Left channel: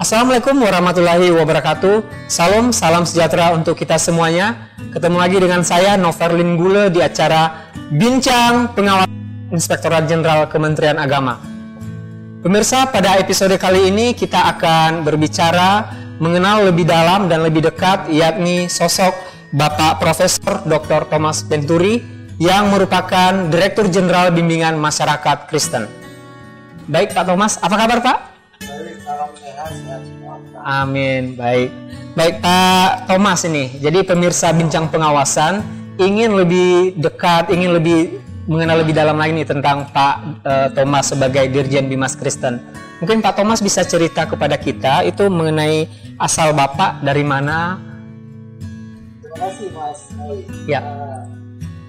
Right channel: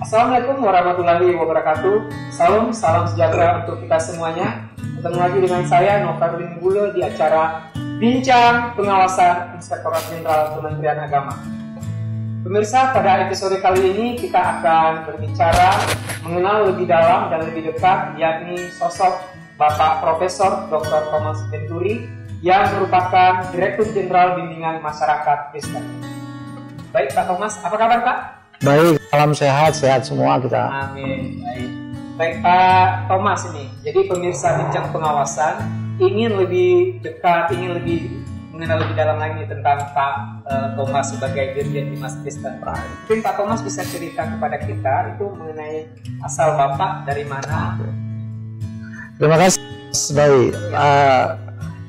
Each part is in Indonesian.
Assalamualaikum warahmatullahi wabarakatuh. Salam sejahtera untuk kita semuanya. Ketemu lagi dengan saya Noverlin Gule di acara Bincang Pengawasan Inspektorat Jenderal Kementerian Agama. Pemirsa, pada episode kali ini kita akan berbicara mengenal lebih dalam dan lebih dekat, yakni sosok Bapak Profesor Dr. Thomas Venturi yang merupakan Direktur Jenderal Bimbingan Masyarakat Kristen. Baik Pak Thomas, apa kabar Pak? Baik, salam sehat semua kita. Amin, baik. Baik Pak Thomas ini, jadi pemirsa Bincang Pengawasan ingin lebih dekat, ingin lebih mengenal lebih dalam lagi nih tentang Pak Thomas sebagai Dirjen Bimas Kristen. Mungkin Pak Thomas bisa cerita kepada kita itu mengenai asal Bapak dari mana? Terima kasih Mas. Baik. Ya,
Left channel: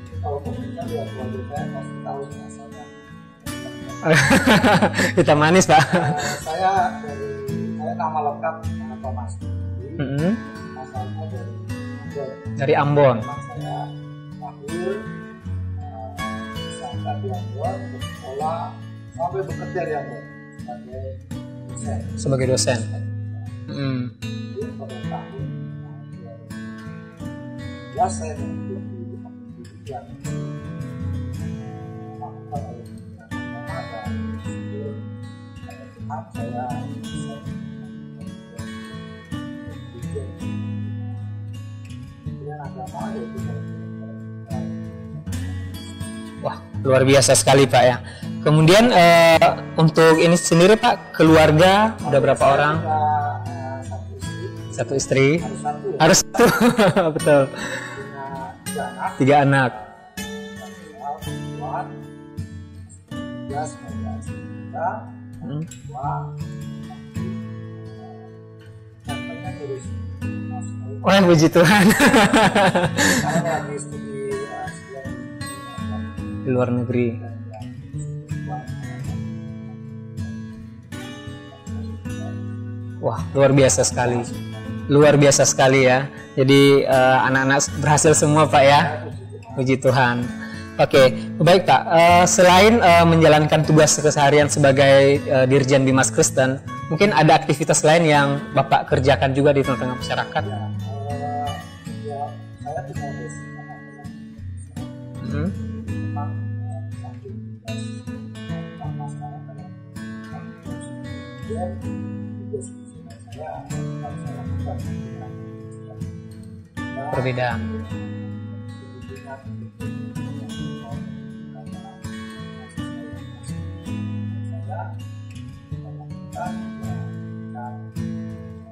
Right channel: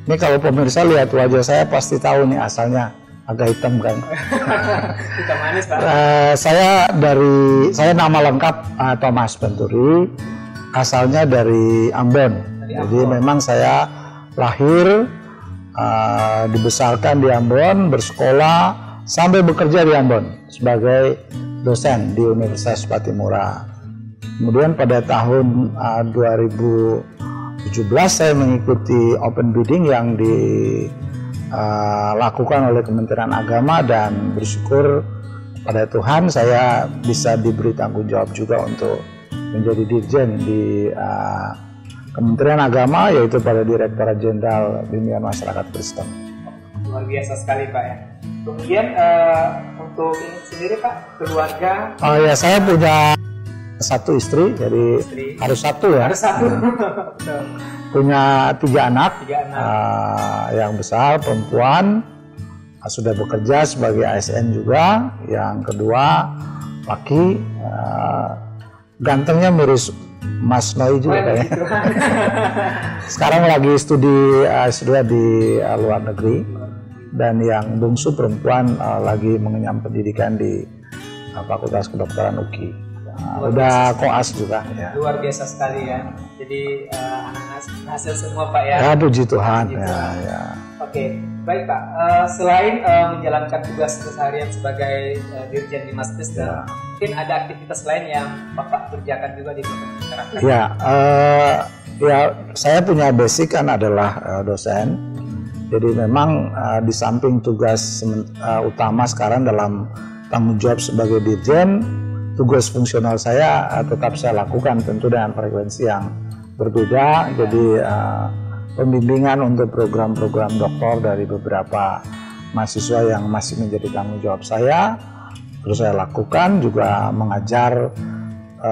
ini kalau pemirsa lihat wajah saya pasti tahu nih asalnya. Agak hitam kan. Hitam manis Pak. Saya nama lengkap Thomas Venturi. Asalnya dari Ambon. Dari Ambon. Jadi memang saya lahir, dibesarkan di Ambon, bersekolah sampai bekerja di Ambon sebagai dosen di Universitas Patimura. Kemudian pada tahun 2017 saya mengikuti open bidding yang dilakukan oleh Kementerian Agama, dan bersyukur pada Tuhan saya bisa diberi tanggung jawab juga untuk menjadi dirjen di Kementerian Agama, yaitu pada Direktorat Jenderal Bimbingan Masyarakat Kristen. Wah, luar biasa sekali Pak ya. Kemudian untuk ini sendiri Pak, keluarga? Saya punya satu istri, jadi satu istri. Harus satu ya. Harus satu, betul. Punya tiga anak. Yang besar perempuan, sudah bekerja sebagai ASN juga. Yang kedua laki, gantengnya mirip Mas Noi juga. Puji Tuhan. Sekarang lagi studi S2 di luar negeri. Dan yang bungsu perempuan lagi mengenyam pendidikan di Fakultas Kedokteran UKI. Wah, luar biasa sekali. Juga, ya. Luar biasa sekali ya. Jadi anak-anak berhasil semua Pak ya. Ya, puji Tuhan. Puji Tuhan. Ya. Oke, baik Pak. Selain menjalankan tugas keseharian sebagai Dirjen Bimas Kristen, mungkin ada aktivitas lain yang Bapak kerjakan juga di tengah-tengah masyarakat? Ya, saya punya basic kan adalah dosen. Jadi memang di samping tugas utama sekarang dalam tanggung jawab sebagai Dirjen, tugas fungsional saya tetap saya lakukan, tentu dengan frekuensi yang berbeda. Jadi pembimbingan untuk program-program doktor dari beberapa mahasiswa yang masih menjadi tanggung jawab saya, terus saya lakukan juga mengajar.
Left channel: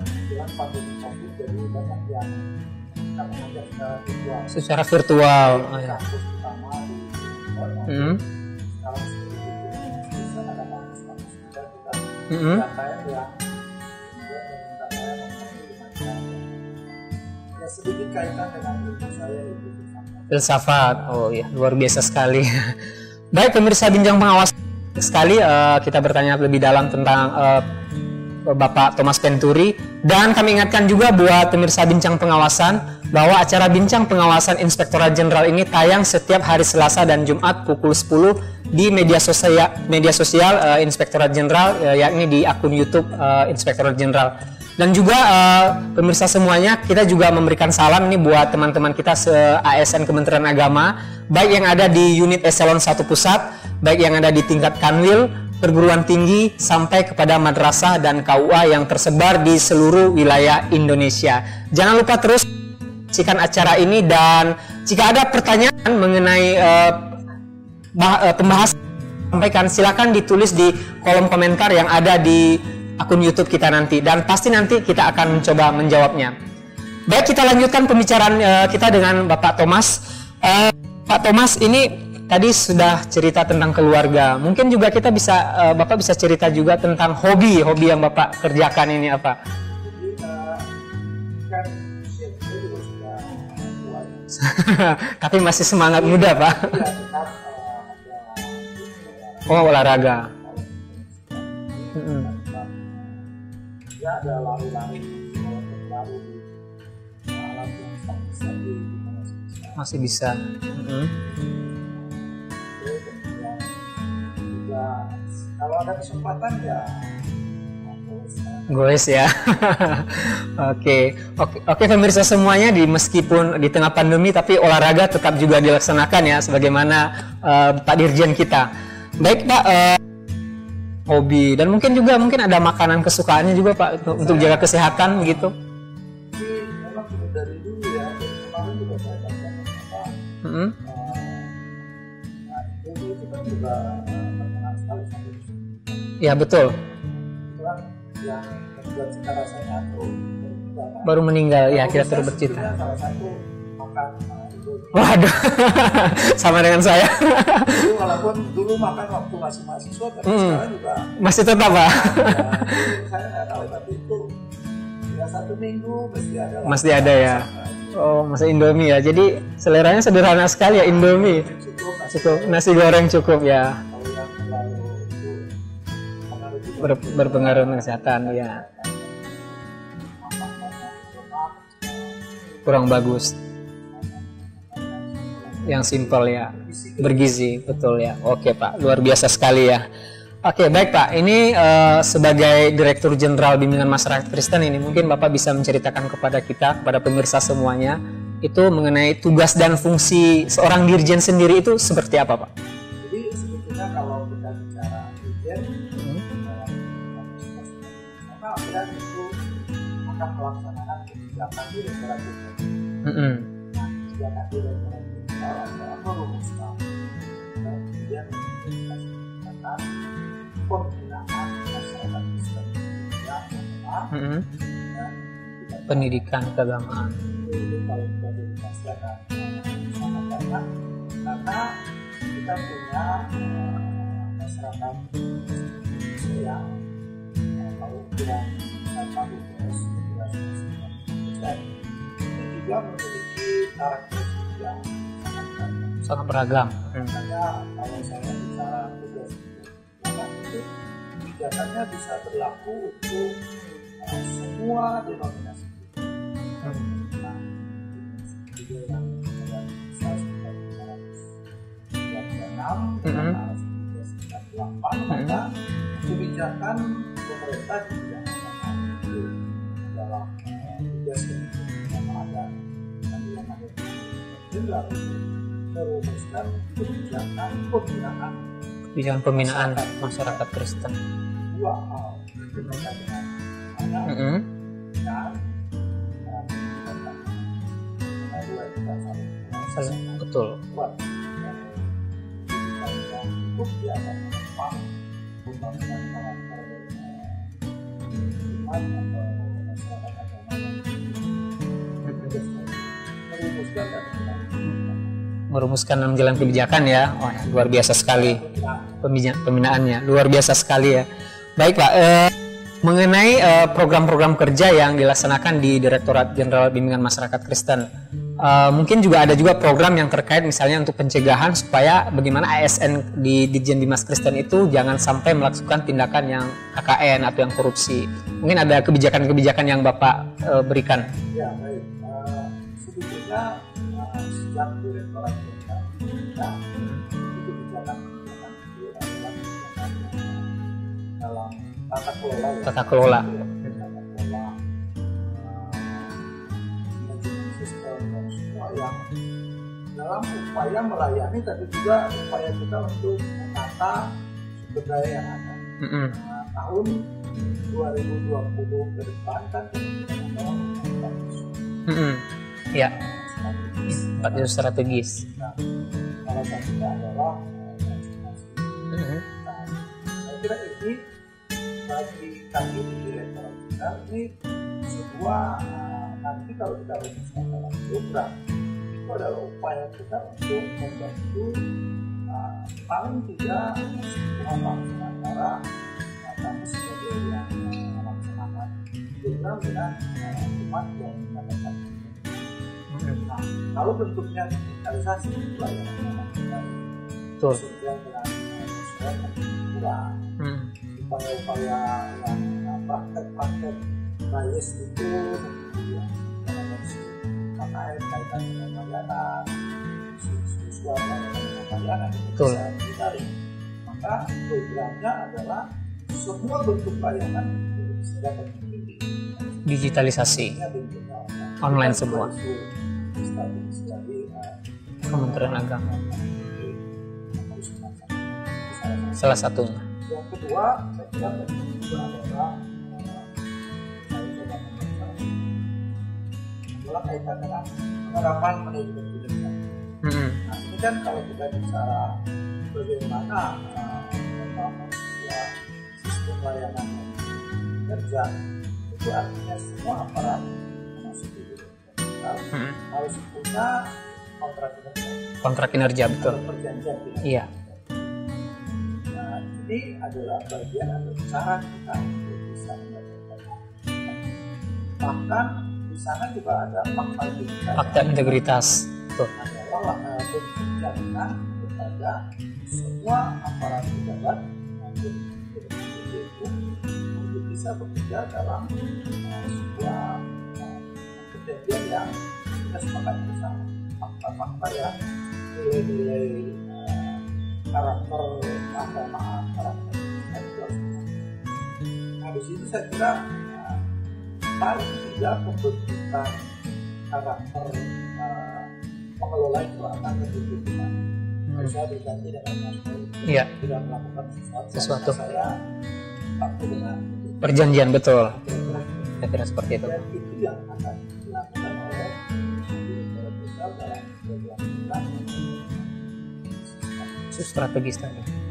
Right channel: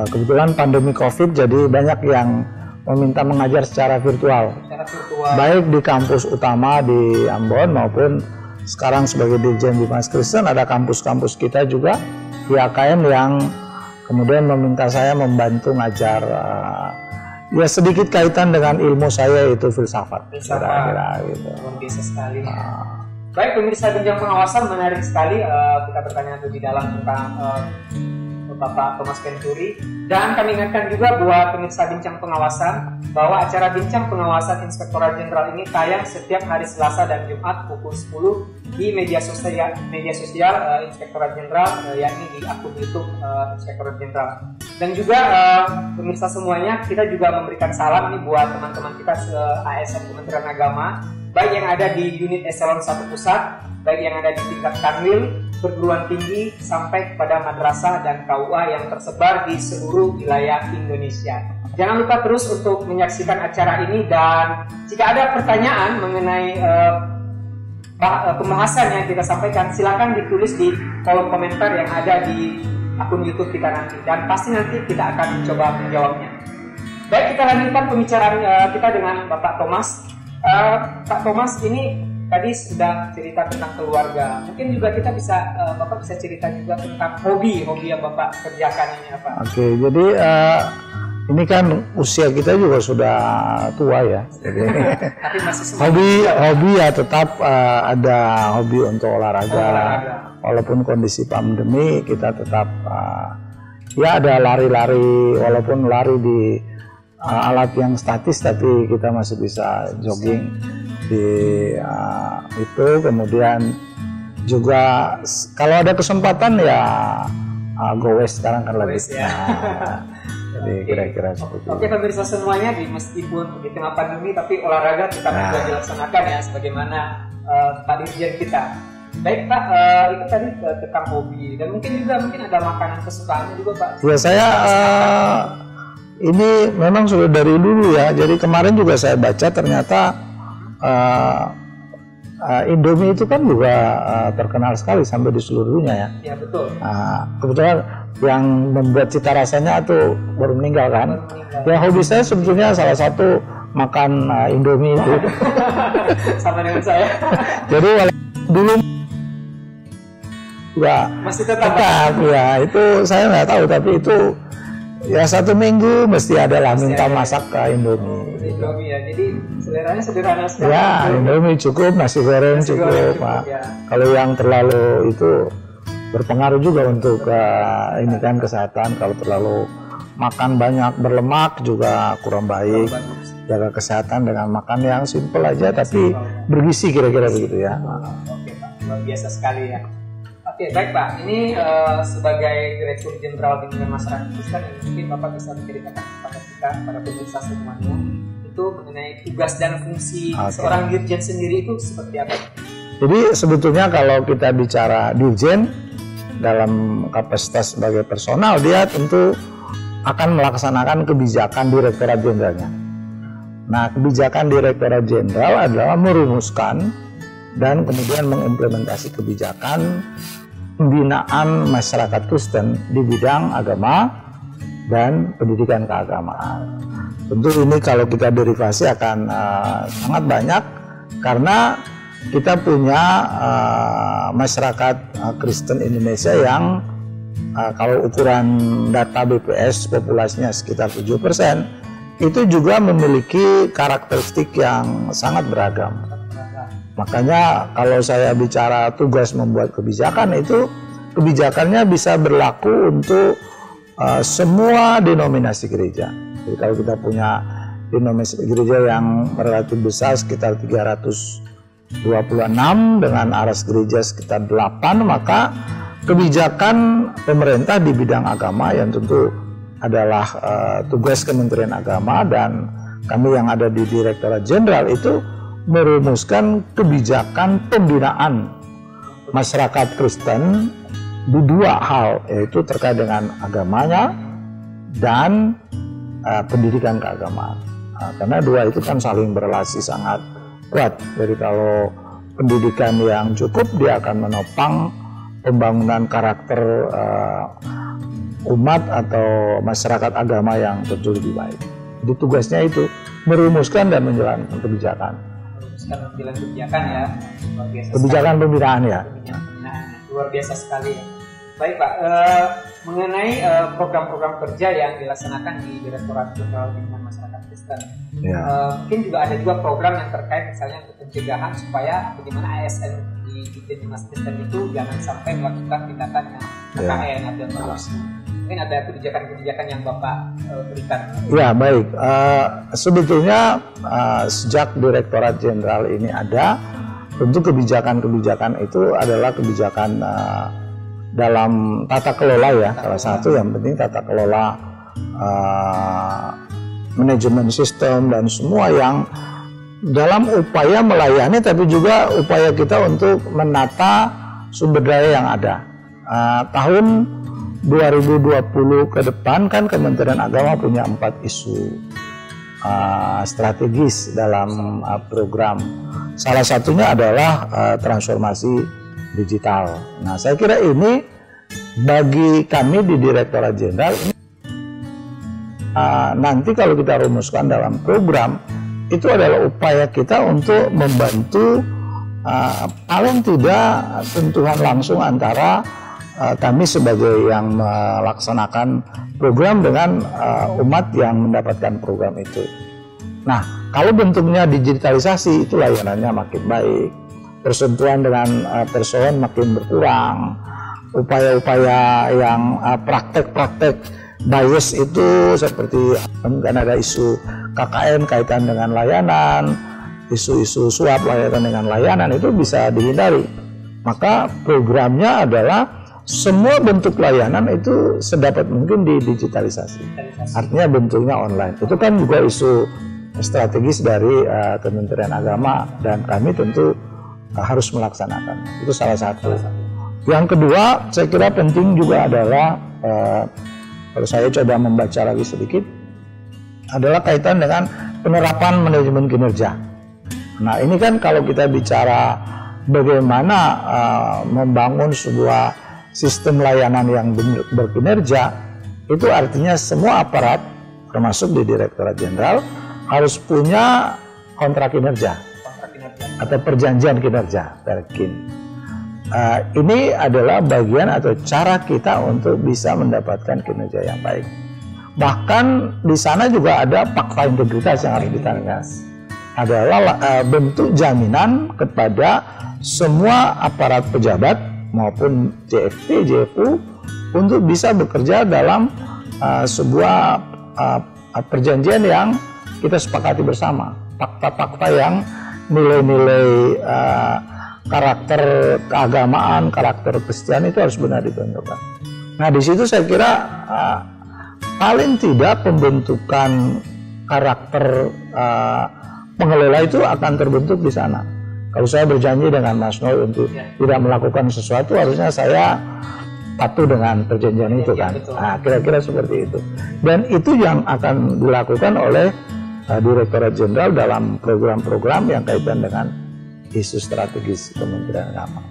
Kebetulan pandemi COVID, jadi banyak yang meminta mengajar secara virtual. Baik di kampus utama di Ambon maupun sekarang sebagai Dirjen Bimas Kristen ada kampus-kampus kita juga di AKM yang kemudian meminta saya membantu ngajar ya sedikit kaitan dengan ilmu saya, yaitu filsafat. Oh, iya. Luar biasa sekali. Baik pemirsa Bincang Pengawasan, menarik sekali kita bertanya lebih dalam tentang Bapak Thomas Venturi, dan kami ingatkan juga buat pemirsa Bincang Pengawasan bahwa acara Bincang Pengawasan Inspektorat Jenderal ini tayang setiap hari Selasa dan Jumat pukul 10 di media sosial Inspektorat Jenderal, yakni di akun YouTube Inspektorat Jenderal. Dan juga pemirsa semuanya, kita juga memberikan salam ini buat teman-teman kita se-ASN Kementerian Agama, baik yang ada di unit eselon 1 pusat, baik yang ada di tingkat kanwil, perguruan tinggi, sampai kepada madrasah dan KUA yang tersebar di seluruh wilayah Indonesia. Jangan lupa terus untuk menyaksikan acara ini, dan jika ada pertanyaan mengenai pembahasan yang kita sampaikan, silakan ditulis di kolom komentar yang ada di akun YouTube kita nanti, dan pasti nanti kita akan coba menjawabnya. Baik, kita lanjutkan pembicaraan kita dengan Bapak Thomas. Pak Thomas ini tadi sudah cerita tentang keluarga. Mungkin juga kita Bapak bisa cerita juga tentang hobi yang Bapak kerjakan ini apa? Oke, jadi ini kan usia kita juga sudah tua ya. Tapi masih semangat muda Pak. Hobi ya tetap ada hobi untuk olahraga. Oh, olahraga. Walaupun kondisi pandemi, kita tetap ya ada lari-lari, walaupun lari di alat yang statis, tapi kita masih bisa jogging di itu. Kemudian juga kalau ada kesempatan ya goes sekarang kan. Goes ya. Oke, pemirsa semuanya, meskipun di tengah pandemi tapi olahraga tetap juga dilaksanakan ya, sebagaimana Pak Dirjen kita. Baik Pak, itu tadi tentang hobi dan mungkin ada makanan kesukaannya juga Pak, ya, saya kesehatan gitu. Ini memang sudah dari dulu ya. Jadi kemarin juga saya baca ternyata Indomie itu kan juga terkenal sekali sampai di seluruh dunia ya. Iya betul. Kebetulan yang membuat cita rasanya itu baru meninggal kan. Baru meninggal. Ya, hobi saya sebetulnya salah satu makan Indomie. Sama dengan saya. Jadi walaupun dulu makan waktu masih mahasiswa, ya masih tetap Pak. Ya itu saya nggak tahu, tapi itu ya 1 minggu mesti ada lah minta masak ya? Indomie. Oh, masak Indomie ya. Jadi seleranya sederhana sekali ya, Indomie cukup, nasi goreng cukup ya. Kalau yang terlalu itu berpengaruh juga untuk kesehatan. Kalau terlalu makan banyak berlemak juga kurang baik. Kurang bagus. Jaga kesehatan dengan makan yang simpel aja, yang tapi simpel, ya. Bergizi kira-kira gitu ya. Betul ya. Oke Pak, luar biasa sekali ya. Oke, baik Pak. Ini sebagai Direktur Jenderal Bimbingan Masyarakat Kristen ini, mungkin Bapak bisa menceritakan kepada kita, kepada pemirsa semuanya, itu mengenai tugas dan fungsi seorang dirjen sendiri itu seperti apa Pak? Jadi sebetulnya kalau kita bicara dirjen dalam kapasitas sebagai personal, dia tentu akan melaksanakan kebijakan Direktorat Jenderalnya. Nah, kebijakan Direktorat Jenderal adalah merumuskan dan kemudian mengimplementasi kebijakan pembinaan masyarakat Kristen di bidang agama dan pendidikan keagamaan. Tentu ini kalau kita derivasi akan sangat banyak, karena kita punya masyarakat Kristen Indonesia yang kalau ukuran data BPS populasinya sekitar 7%, itu juga memiliki karakteristik yang sangat beragam. Makanya kalau saya bicara tugas membuat kebijakan, itu kebijakannya bisa berlaku untuk semua denominasi gereja. Jadi kalau kita punya denominasi gereja yang relatif besar sekitar 326 dengan aras gereja sekitar 8, maka kebijakan pemerintah di bidang agama yang tentu adalah tugas Kementerian Agama dan kami yang ada di Direktorat Jenderal itu merumuskan kebijakan pembinaan masyarakat Kristen di 2 hal, yaitu terkait dengan agamanya dan pendidikan keagamaan. Karena 2 itu kan saling berrelasi sangat kuat. Jadi kalau pendidikan yang cukup, dia akan menopang pembangunan karakter umat atau masyarakat agama yang tentu lebih baik. Di tugasnya itu merumuskan dan menjalankan kebijakan. Merumuskan dan menjalankan kebijakan ya. Wah, luar biasa kebijakan sekali. Pembinaan ya. Pembinaannya luar biasa sekali ya. Baik Pak, mengenai program-program kerja yang dilaksanakan di Direktorat Jenderal Bimbingan Masyarakat Kristen, mungkin juga ada program yang terkait misalnya untuk pencegahan supaya bagaimana ASN di Ditjen Bimas Kristen itu jangan sampai melakukan tindakan yang KKN atau yang korupsi. Mungkin ada kebijakan-kebijakan yang Bapak berikan. Ya baik, sebetulnya sejak Direktorat Jenderal ini ada, tentu kebijakan-kebijakan itu adalah kebijakan dalam tata kelola ya. Salah satu yang penting tata kelola, manajemen sistem dan semua yang dalam upaya melayani, tapi juga upaya kita untuk menata sumber daya yang ada. Tahun 2020 ke depan kan Kementerian Agama punya 4 isu strategis dalam program. Salah satunya adalah transformasi digital. Nah, saya kira ini bagi kami di Direktorat Jenderal ini nanti kalau kita rumuskan dalam program, itu adalah upaya kita untuk membantu paling tidak sentuhan langsung antara kami sebagai yang melaksanakan program dengan umat yang mendapatkan program itu. Nah, kalau bentuknya digitalisasi, itu layanannya makin baik, persentuhan dengan persoalan makin berkurang, upaya-upaya yang praktek-praktek bias itu seperti kan ada isu KKN kaitan dengan layanan, isu-isu suap kaitan dengan layanan itu bisa dihindari. Maka programnya adalah semua bentuk layanan itu sedapat mungkin didigitalisasi. Digitalisasi. Artinya bentuknya online. Itu kan juga isu strategis dari Kementerian Agama dan kami tentu harus melaksanakan. Itu salah satu. Yang kedua, saya kira penting juga adalah kalau saya coba membaca lagi sedikit, adalah kaitan dengan penerapan manajemen kinerja. Nah ini kan kalau kita bicara bagaimana membangun sebuah sistem layanan yang berkinerja, itu artinya semua aparat termasuk di Direktorat Jenderal harus punya kontrak kinerja atau perjanjian kinerja, Perkin. Ini adalah bagian atau cara kita untuk bisa mendapatkan kinerja yang baik. Bahkan di sana juga ada fakta integritas yang harus kita adalah bentuk jaminan kepada semua aparat pejabat maupun JFP, JFU untuk bisa bekerja dalam sebuah perjanjian yang kita sepakati bersama. Fakta-fakta yang nilai-nilai karakter keagamaan, karakter Kristen itu harus benar ditunjukkan. Nah di situ saya kira paling tidak pembentukan karakter pengelola itu akan terbentuk di sana. Kalau saya berjanji dengan Mas Noy untuk tidak melakukan sesuatu, harusnya saya patuh dengan perjanjian itu kan. Betul. Nah, kira-kira seperti itu. Dan itu yang akan dilakukan oleh Direktorat Jenderal dalam program-program yang kaitan dengan isu strategis.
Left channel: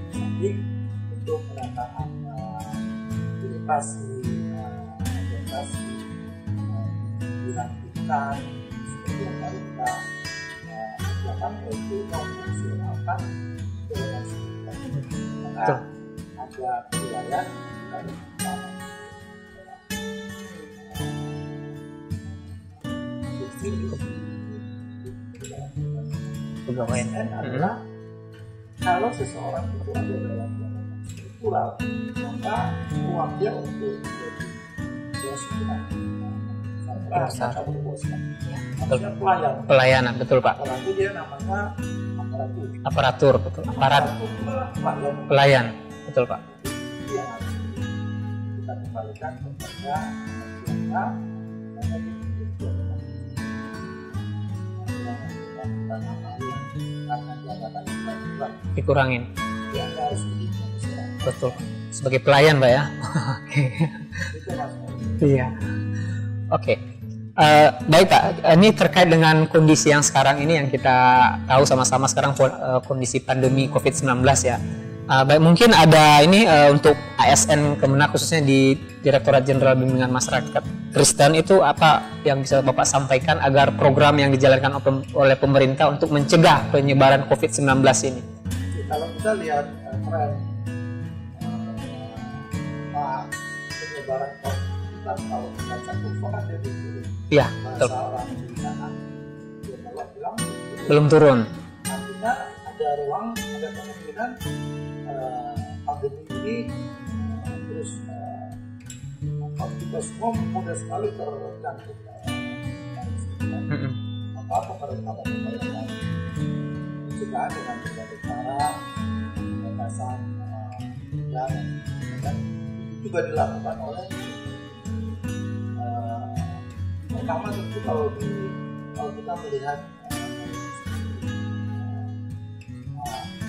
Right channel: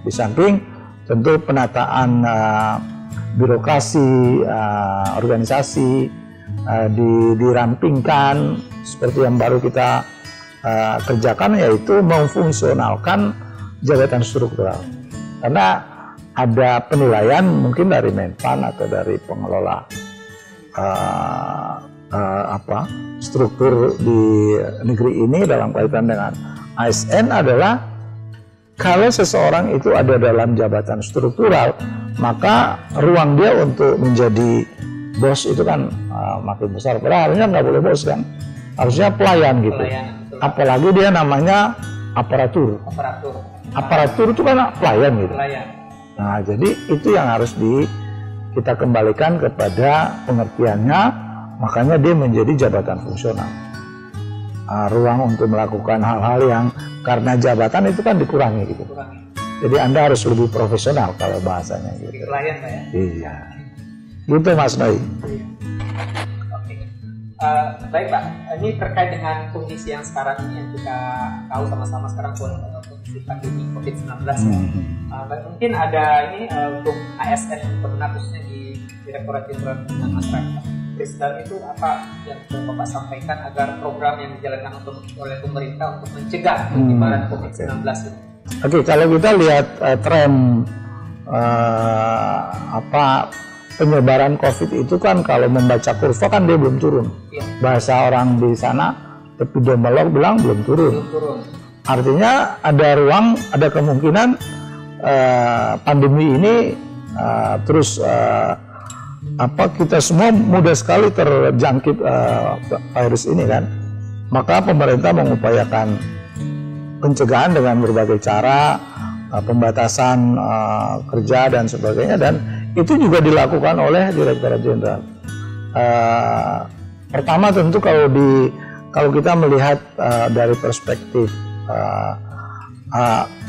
Di samping tentu penataan birokrasi, organisasi dirampingkan seperti yang baru kita kerjakan, yaitu memfungsionalkan jabatan struktural. Karena ada penilaian mungkin dari Menpan atau dari pengelola struktur di negeri ini dalam kaitan dengan ASN adalah kalau seseorang itu ada dalam jabatan struktural, maka ruang dia untuk menjadi bos itu kan makin besar. Padahal harusnya nggak boleh bos kan, harusnya pelayan gitu. Pelayanan, betul Pak. Apalagi dia namanya aparatur. Betul. Aparatur itu kan pelayan gitu. Pelayan, betul. Nah jadi itu yang harus kita kembalikan kepada pengertiannya, makanya dia menjadi jabatan fungsional. Ruang untuk melakukan hal-hal yang karena jabatan itu kan dikurangi gitu. Dikurangin. Jadi Anda harus lebih profesional kalau bahasanya. Sebagai pelayan Pak ya. Iya. Gitu Mas Noi. Iya. Oke. Baik Pak, ini terkait dengan kondisi yang sekarang ini yang kita tahu sama-sama sekarang kondisi pandemi COVID-19 ya. Baik, mungkin ada ini untuk ASN Kemenak khususnya di Direktorat Jenderal Bimbingan Masyarakat Kristen itu apa yang bisa Bapak sampaikan agar program yang dijalankan oleh pemerintah untuk mencegah penyebaran COVID-19 ini? Oke, kalau kita lihat tren penyebaran COVID itu kan kalau membaca kurva kan dia belum turun. Iya. Bahasa betul. Orang di sana epidemiolog bilang belum turun. Belum turun. Artinya ada ruang, ada kemungkinan pandemi ini terus kita semua mudah sekali terjangkit virus ini kan. Maka pemerintah mengupayakan pencegahan dengan berbagai cara, pembatasan kerja dan sebagainya, dan itu juga dilakukan oleh Direktorat Jenderal. Pertama tentu kalau kita melihat dari perspektif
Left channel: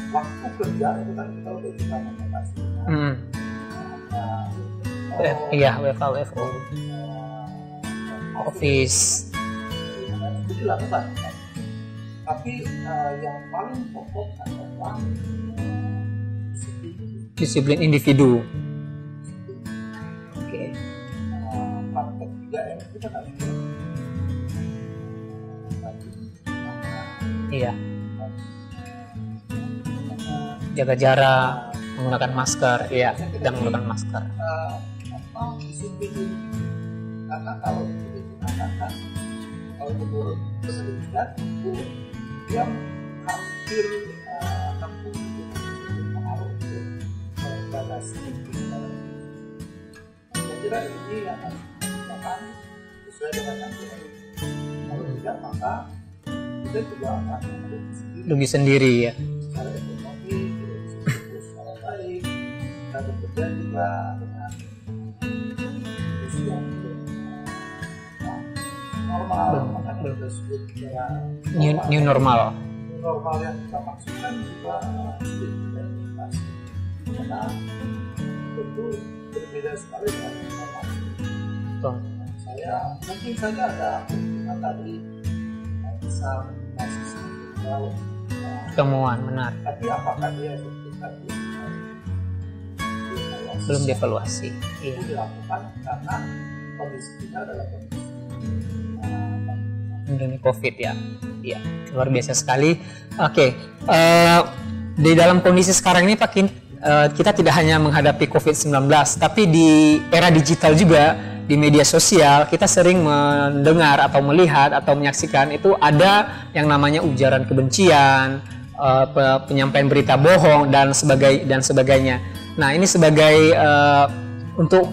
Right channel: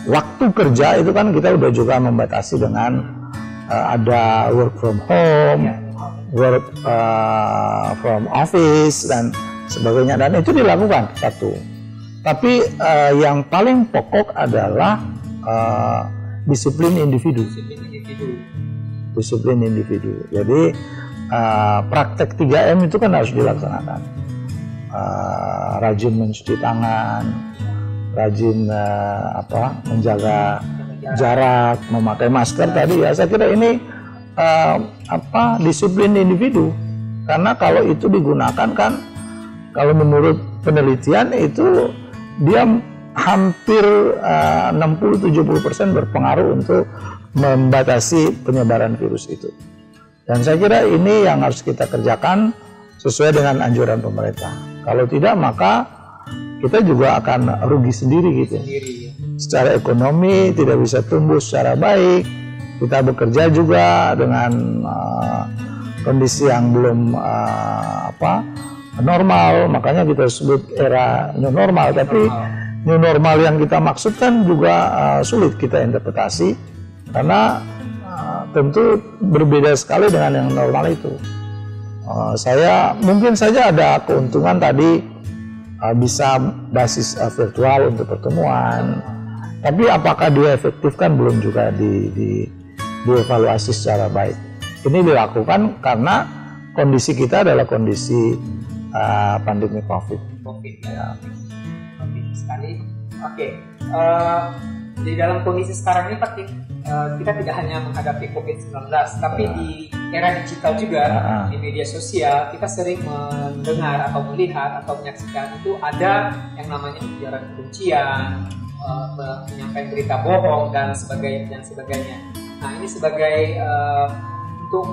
waktu kerja itu kan kita udah juga membatasi dengan ada work from home, work from office dan sebagainya, dan itu dilakukan satu. Tapi yang paling pokok adalah disiplin individu. Jadi praktek 3M itu kan harus dilaksanakan. Rajin mencuci tangan, rajin menjaga jarak, memakai masker tadi ya. Saya kira ini disiplin individu. Karena kalau itu digunakan kan, kalau menurut penelitian itu dia hampir 60-70% berpengaruh untuk membatasi penyebaran virus itu. Dan saya kira ini yang harus kita kerjakan sesuai dengan anjuran pemerintah. Kalau tidak maka kita juga akan rugi sendiri. Ya. Secara ekonomi tidak bisa tumbuh secara baik, kita bekerja juga dengan kondisi yang belum normal, makanya kita sebut era new normal. New normal yang kita maksudkan juga sulit kita interpretasi karena tentu berbeda sekali dengan yang normal itu. Saya mungkin saja ada keuntungan tadi bisa basis virtual untuk pertemuan. Benar. Tapi apakah dia efektif kan belum juga dievaluasi secara baik. Ini dilakukan karena kondisi kita adalah kondisi pandemi COVID ya. Iya, luar biasa sekali. Oke, di dalam kondisi sekarang ini Pak Kin, kita tidak hanya menghadapi COVID-19, tapi di era digital juga, di media sosial, kita sering mendengar atau melihat atau menyaksikan itu ada yang namanya ujaran kebencian, penyampaian berita bohong dan sebagainya. Nah, ini sebagai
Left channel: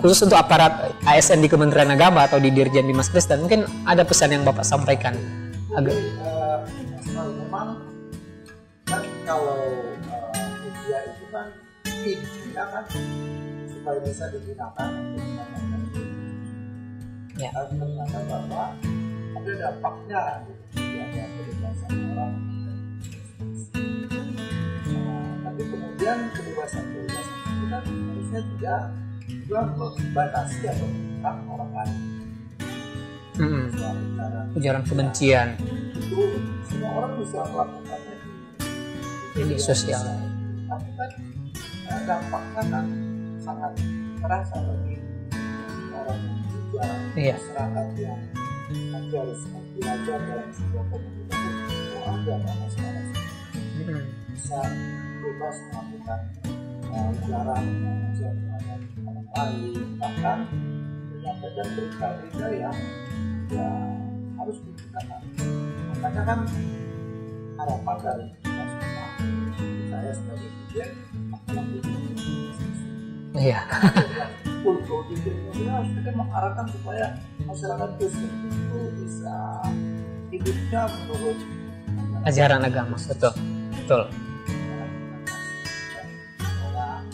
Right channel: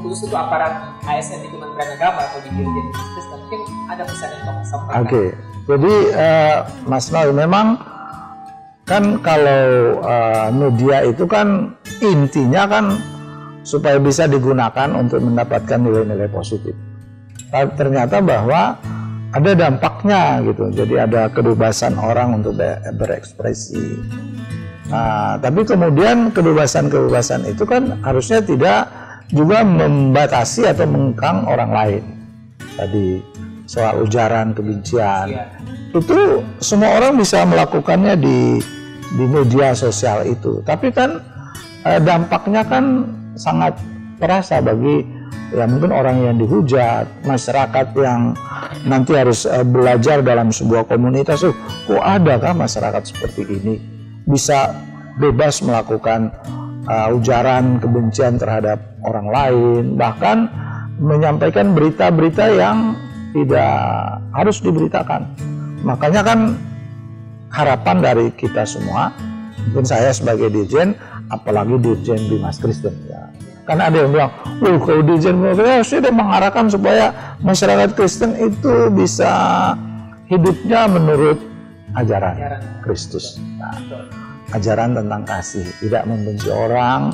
khusus untuk aparat ASN di Kementerian Agama atau di Dirjen Dimas Kristen, mungkin ada pesan yang Bapak sampaikan. Oke. Jadi Mas Noel, memang kan kalau media itu kan intinya kan supaya bisa digunakan untuk mendapatkan nilai-nilai positif. Tapi ternyata bahwa ada dampaknya gitu. Jadi ada kebebasan orang untuk berekspresi. Tapi kemudian kebebasan itu kan harusnya tidak juga membatasi atau mengekang orang lain. Tadi soal ujaran kebencian. Itu semua orang bisa melakukannya di media sosial itu. Tapi kan dampaknya kan sangat terasa bagi mungkin orang yang dihujat, masyarakat yang nanti harus belajar dalam sebuah komunitas. Kok adakah masyarakat seperti ini bisa bebas melakukan ujaran kebencian terhadap orang lain, bahkan menyampaikan berita-berita yang tidak harus diberitakan. Makanya kan harapan dari kita semua, mungkin saya sebagai dirjen, apalagi dirjen Dimas Kristen karena ada yang bilang, kalau dirjen sudah mengarahkan supaya masyarakat Kristen itu bisa hidupnya menurut ajaran agama Kristus. Betul. Ajaran tentang kasih, tidak membenci orang,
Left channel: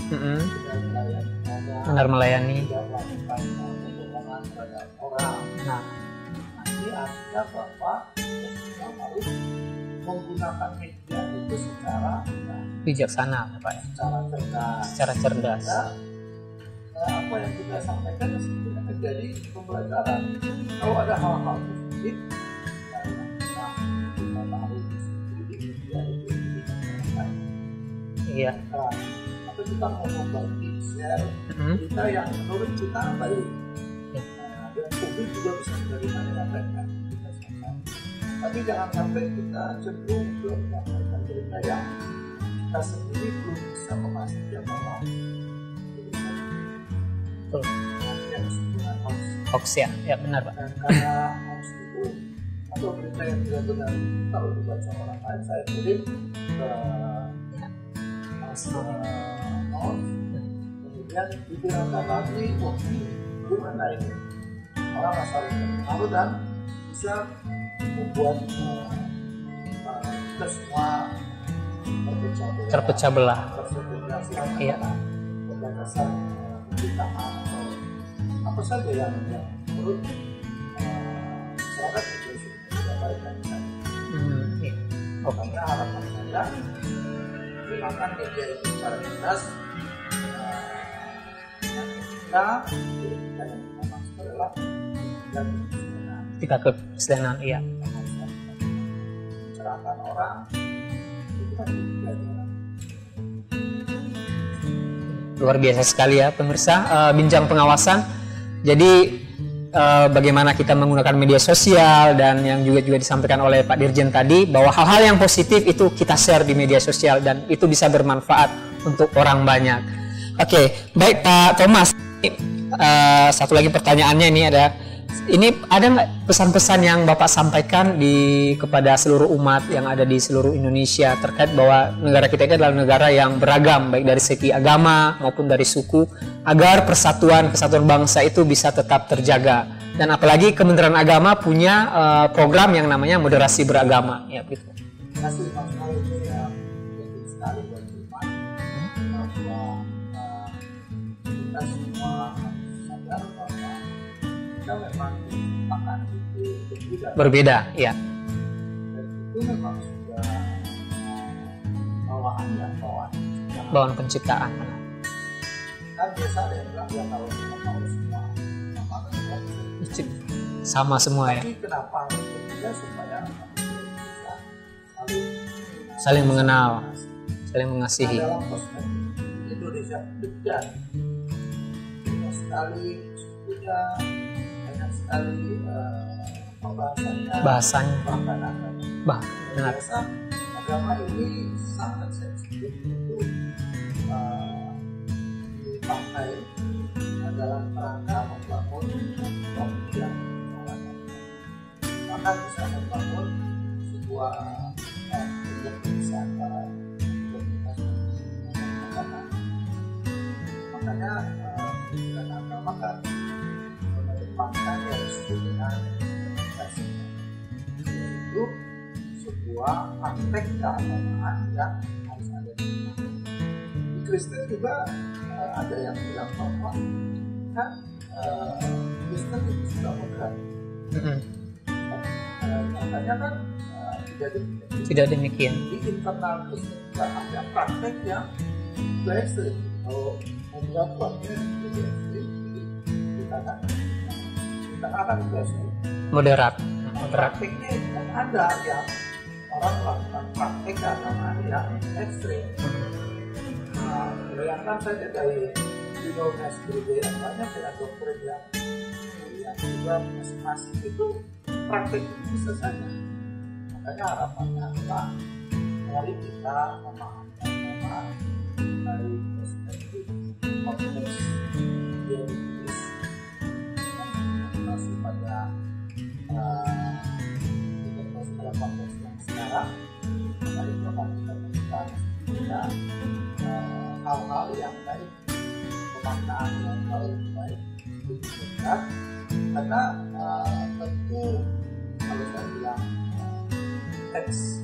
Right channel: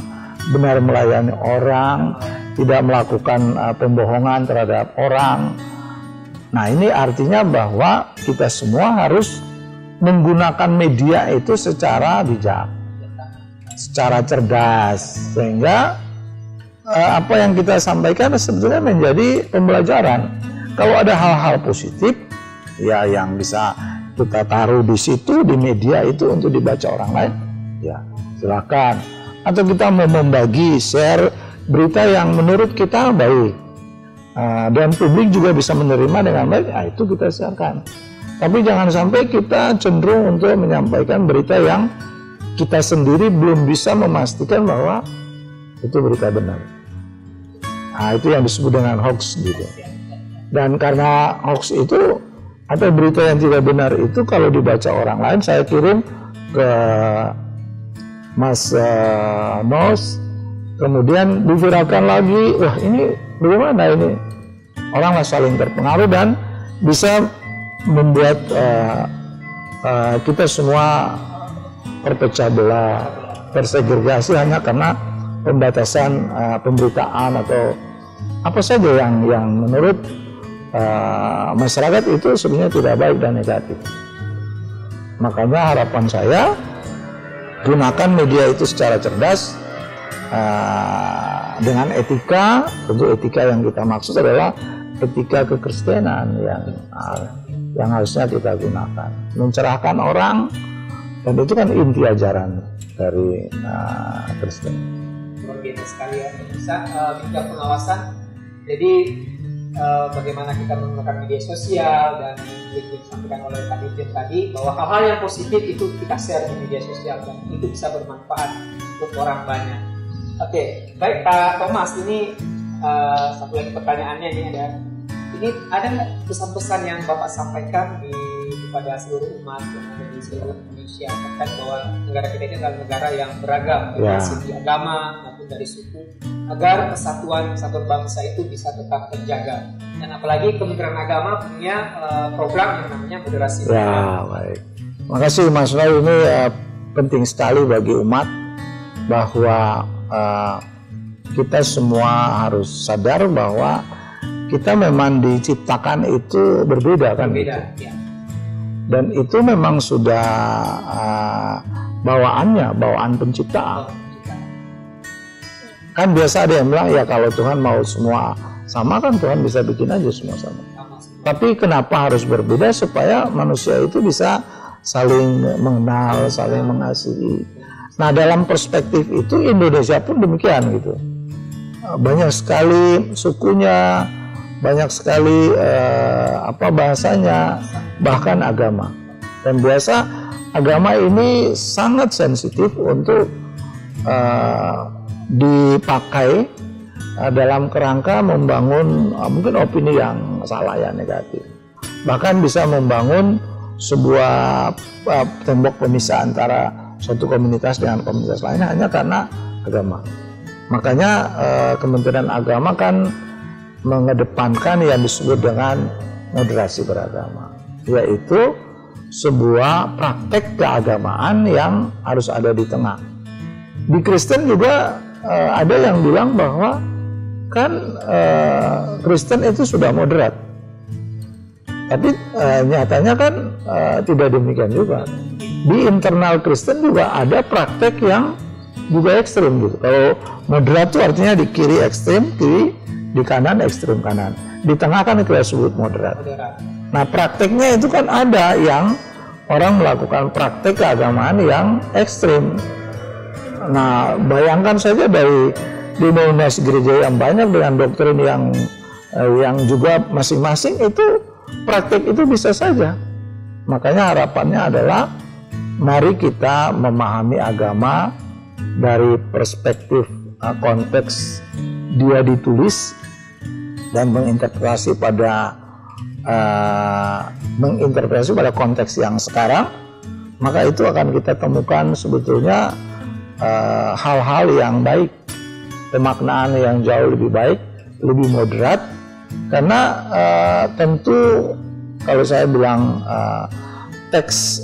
benar melayani orang, tidak melakukan pembohongan terhadap orang. Nah, ini artinya bahwa kita semua harus menggunakan media itu secara bijaksana, Pak. Secara cerdas. Sehingga apa yang kita sampaikan sebetulnya menjadi pembelajaran. Kalau ada hal-hal positif, ya yang bisa kita taruh di situ, di media itu untuk dibaca orang lain, silakan. Atau kita mau membagi, share berita yang menurut kita baik, dan publik juga bisa menerima dengan baik, itu kita siarkan. Tapi jangan sampai kita cenderung untuk menyampaikan berita yang kita sendiri belum bisa memastikan bahwa itu berita benar. Itu yang disebut dengan hoax. Hoax ya benar, Pak. Dan karena hoax itu atau berita yang tidak benar itu kalau dibaca orang lain, saya kirim ke Mas Nos, kemudian diviralkan lagi, wah ini bagaimana ini? Orang saling terpengaruh dan bisa membuat kita semua terpecah belah, tersegregasi hanya karena pembatasan pemberitaan atau apa saja yang menurut masyarakat itu sebenarnya tidak baik dan negatif. Makanya harapan saya, gunakan media itu secara cerdas, dengan etika. Tentu etika yang kita maksud adalah etika kekristenan, yang harusnya kita gunakan, mencerahkan orang, dan itu kan inti ajaran dari Kristen. Luar biasa sekali ya pemirsa, bincang pengawasan. Jadi bagaimana kita menggunakan media sosial, dan yang juga disampaikan oleh Pak Dirjen tadi, bahwa hal-hal yang positif itu kita share di media sosial dan itu bisa bermanfaat untuk orang banyak. Oke, baik Pak Thomas, ini satu lagi pertanyaannya ini ada nggak pesan-pesan yang Bapak sampaikan kepada seluruh umat yang ada di seluruh Indonesia terkait bahwa negara kita ini adalah negara yang beragam, baik dari segi agama maupun dari suku, agar persatuan bangsa itu bisa tetap terjaga. Dan apalagi Kementerian Agama punya program yang namanya moderasi beragama. Terima kasih Mas Rai, ini penting sekali bagi umat bahwa kita semua harus sadar bahwa kita memang diciptakan itu berbeda. Berbeda, ya. Dan itu memang sudah bawaan penciptaan. Bawaan penciptaan. Kan biasa ada yang bilang ya kalau Tuhan mau semua sama kan Tuhan bisa bikin aja semua sama. Sama semua. Tapi kenapa harus berbeda supaya manusia itu bisa saling mengenal, saling mengasihi. Nah dalam perspektif itu Indonesia pun demikian gitu. Banyak sekali sukunya, banyak sekali bahasanya, bahkan agama. Dan biasa agama ini sangat sensitif untuk dipakai dalam kerangka membangun mungkin opini yang salah ya, negatif. Bahkan bisa membangun sebuah tembok pemisah antara suatu komunitas dengan komunitas lainnya hanya karena agama. Makanya Kementerian Agama kan mengedepankan yang disebut dengan moderasi beragama, yaitu sebuah praktek keagamaan yang harus ada di tengah. Di Kristen juga ada yang bilang bahwa kan Kristen itu sudah moderat. Tapi nyatanya kan tidak demikian juga. Tidak demikian. Di internal Kristen juga ada praktek yang juga ekstrim gitu. Kalau moderat itu artinya di kiri ekstrim kiri, di kanan ekstrim kanan. Di tengah kan kita sebut moderat. Moderat. Nah prakteknya itu kan ada yang orang melakukan praktek keagamaan yang ekstrim. Nah bayangkan saja dari denominasi gereja yang banyak dengan doktrin yang juga masing-masing itu praktek itu bisa saja. Makanya harapannya adalah mari kita memahami agama dari perspektif konteks dia ditulis dan menginterpretasi pada konteks yang sekarang, maka itu akan kita temukan sebetulnya hal-hal yang baik, pemaknaan yang jauh lebih baik, lebih moderat. Karena tentu kalau saya bilang teks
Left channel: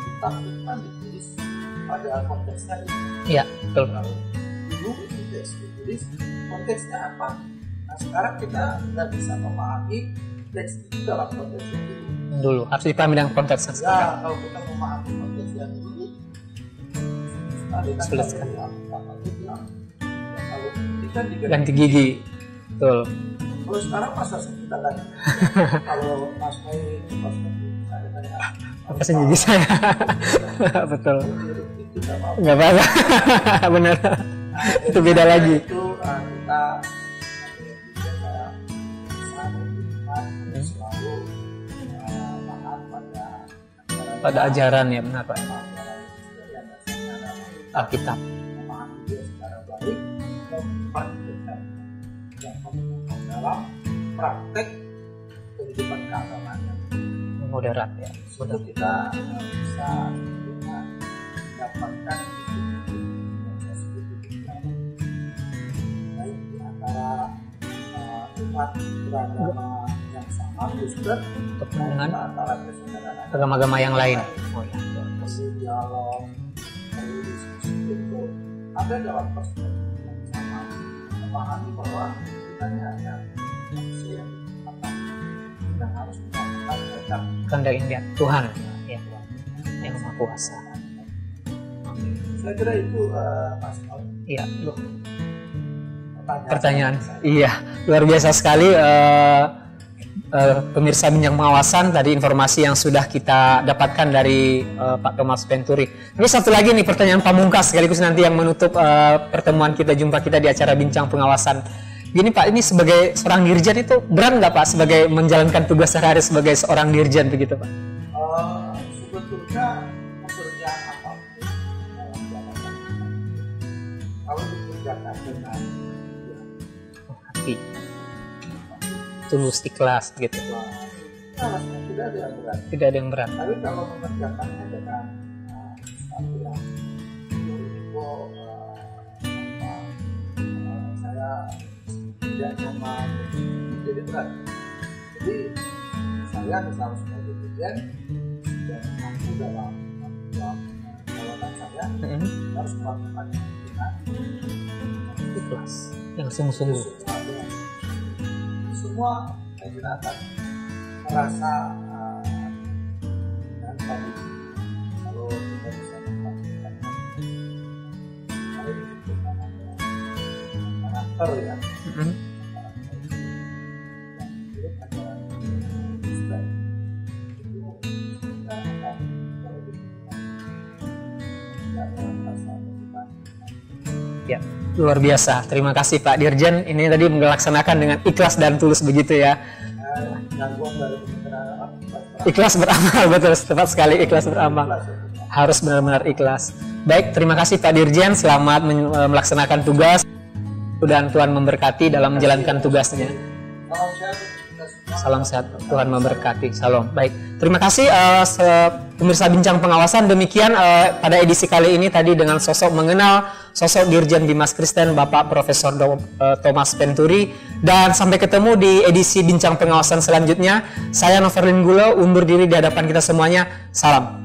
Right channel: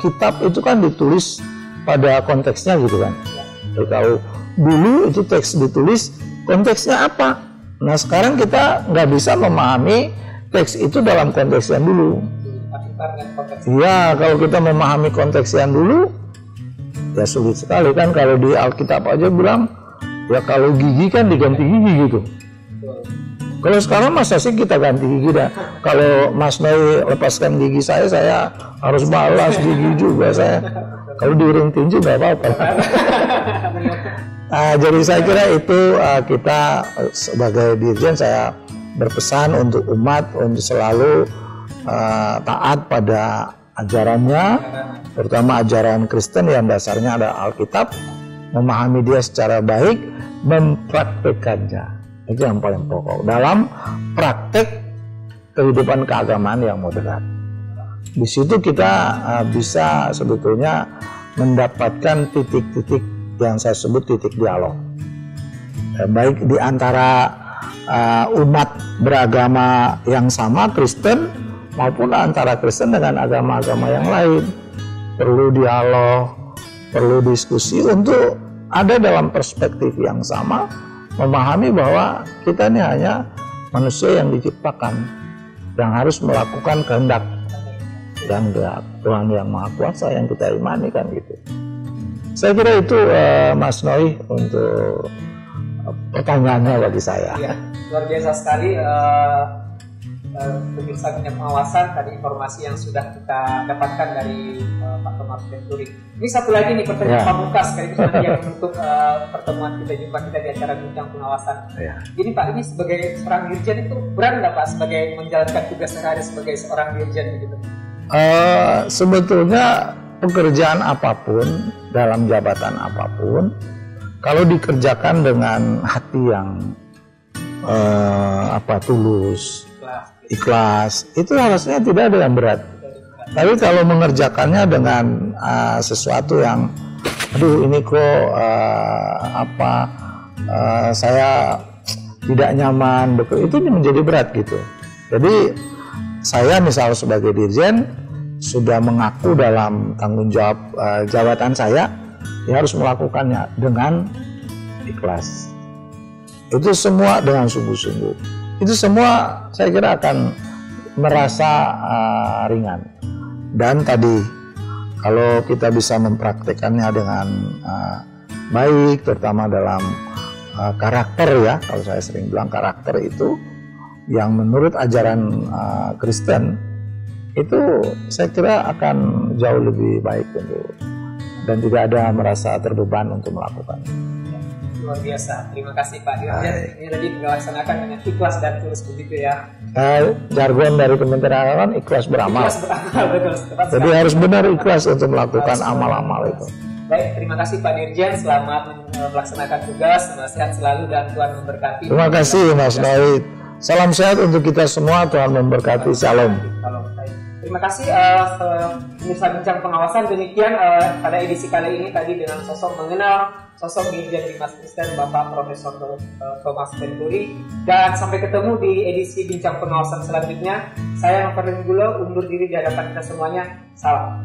kitab itu kan ditulis pada konteksnya gitu kan. Iya. Kalau dulu itu teks ditulis konteksnya apa? Nah sekarang kita nggak bisa memahami teks itu dalam konteks yang dulu. Harus dipahami dengan konteks. Ya kalau kita memahami konteks yang dulu ya sulit sekali kan. Kalau di Alkitab aja bilang ya kalau gigi kan diganti gigi gitu. Betul. Kalau sekarang masa sih kita ganti gigi dah. Kalau Mas Noi lepaskan gigi saya harus balas gigi juga saya. Betul. Kalau diiring tinju nggak apa-apa. Benar. Jadi saya kira itu kita sebagai dirjen saya berpesan untuk umat untuk selalu taat pada ajarannya, ya, terutama ajaran Kristen yang dasarnya ada Alkitab. Memahami dia secara baik, mempraktekannya. Itu yang paling pokok dalam praktek kehidupan keagamaan yang moderat. Ya. Di situ kita bisa sebetulnya mendapatkan titik-titik yang saya sebut titik dialog, baik di antara umat beragama yang sama Kristen maupun antara Kristen dengan agama-agama yang lain. Perlu dialog, perlu diskusi untuk ada dalam perspektif yang sama. Memahami bahwa kita ini hanya manusia yang diciptakan yang harus melakukan kehendak Tuhan, Tuhan yang Maha Kuasa yang kita imani kan gitu. Saya kira itu Mas Noi untuk pertanyaannya bagi saya. Iya, luar biasa sekali pemirsa Bincang Pengawasan, tadi informasi yang sudah kita dapatkan dari Pak Thomas Penturi. Ini satu lagi nih pertanyaan pamungkas sekaligus nanti yang menutup pertemuan kita, jumpa kita di acara Bincang Pengawasan. Gini Pak, ini sebagai seorang dirjen itu berat nggak Pak sebagai menjalankan tugas sehari-hari sebagai seorang dirjen begitu Pak? Sebetulnya pekerjaan apapun dalam jabatan apapun kalau dikerjakan dengan hati yang tulus, ikhlas gitu. Ikhlas itu harusnya tidak ada yang berat. Tapi kalau mengerjakannya dengan sesuatu yang ini kok saya tidak nyaman, itu menjadi berat gitu. Jadi saya misal sebagai dirjen sudah mengaku dalam tanggung jawab jabatan saya, ya harus melakukannya dengan ikhlas. Yang sungguh-sungguh. Itu semua dengan sungguh-sungguh. Itu semua saya kira akan merasa ringan. Dan tadi kalau kita bisa mempraktekannya dengan baik, terutama dalam karakter ya, kalau saya sering bilang karakter itu yang menurut ajaran Kristen itu saya kira akan jauh lebih baik dan tidak ada merasa terbeban untuk melakukannya. Ya, luar biasa. Terima kasih Pak Dirjen. Ini tadi melaksanakan dengan ikhlas dan tulus begitu ya. Jargon dari Kementerian Agama ikhlas beramal. Ikhlas beramal, betul. Tepat sekali. Harus benar ikhlas untuk melakukan harus benar ikhlas. Baik, terima kasih Pak Dirjen. Selamat melaksanakan tugas. Sehat selalu dan Tuhan memberkati. Terima kasih Mas Baik. Salam sehat untuk kita semua. Tuhan memberkati. Salam. Salam. Baik. Terima kasih pemirsa Bincang Pengawasan. Demikian pada edisi kali ini tadi dengan mengenal sosok Dirjen Bimas Kristen Bapak Profesor Thomas Penturi, dan sampai ketemu di edisi Bincang Pengawasan selanjutnya. Saya Noverlin Gulo undur diri di hadapan kita semuanya. Salam.